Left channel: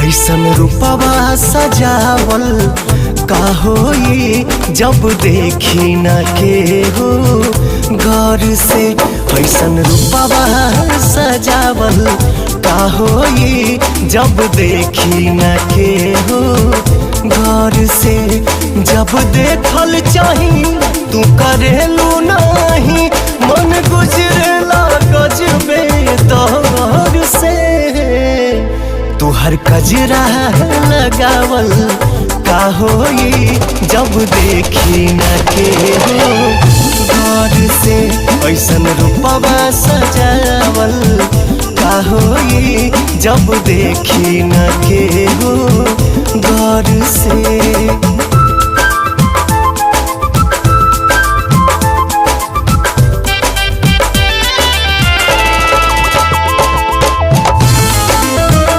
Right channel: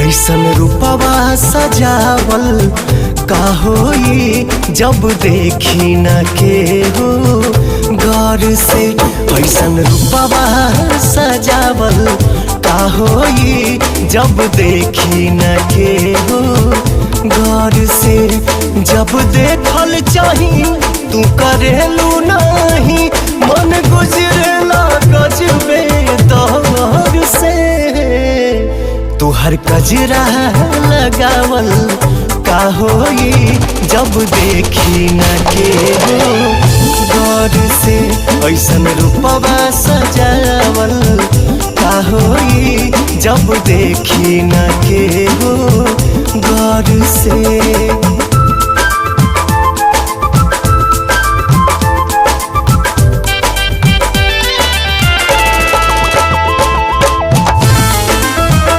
ऐसन रूपवा सजावल का होई जब देखी न के हो गौर से। ऐसन रूपवा सजावल का होई जब देखी न के हो गौर से। जब देखल चाही तू करेलू नहीं, मन गुजरेला गजबे दौर से। तू हर कजरा लगावल का होई जब देखी न के हो गौर से। ऐसन रूपवा सजावल का होई जब देखी न के हो गौर से।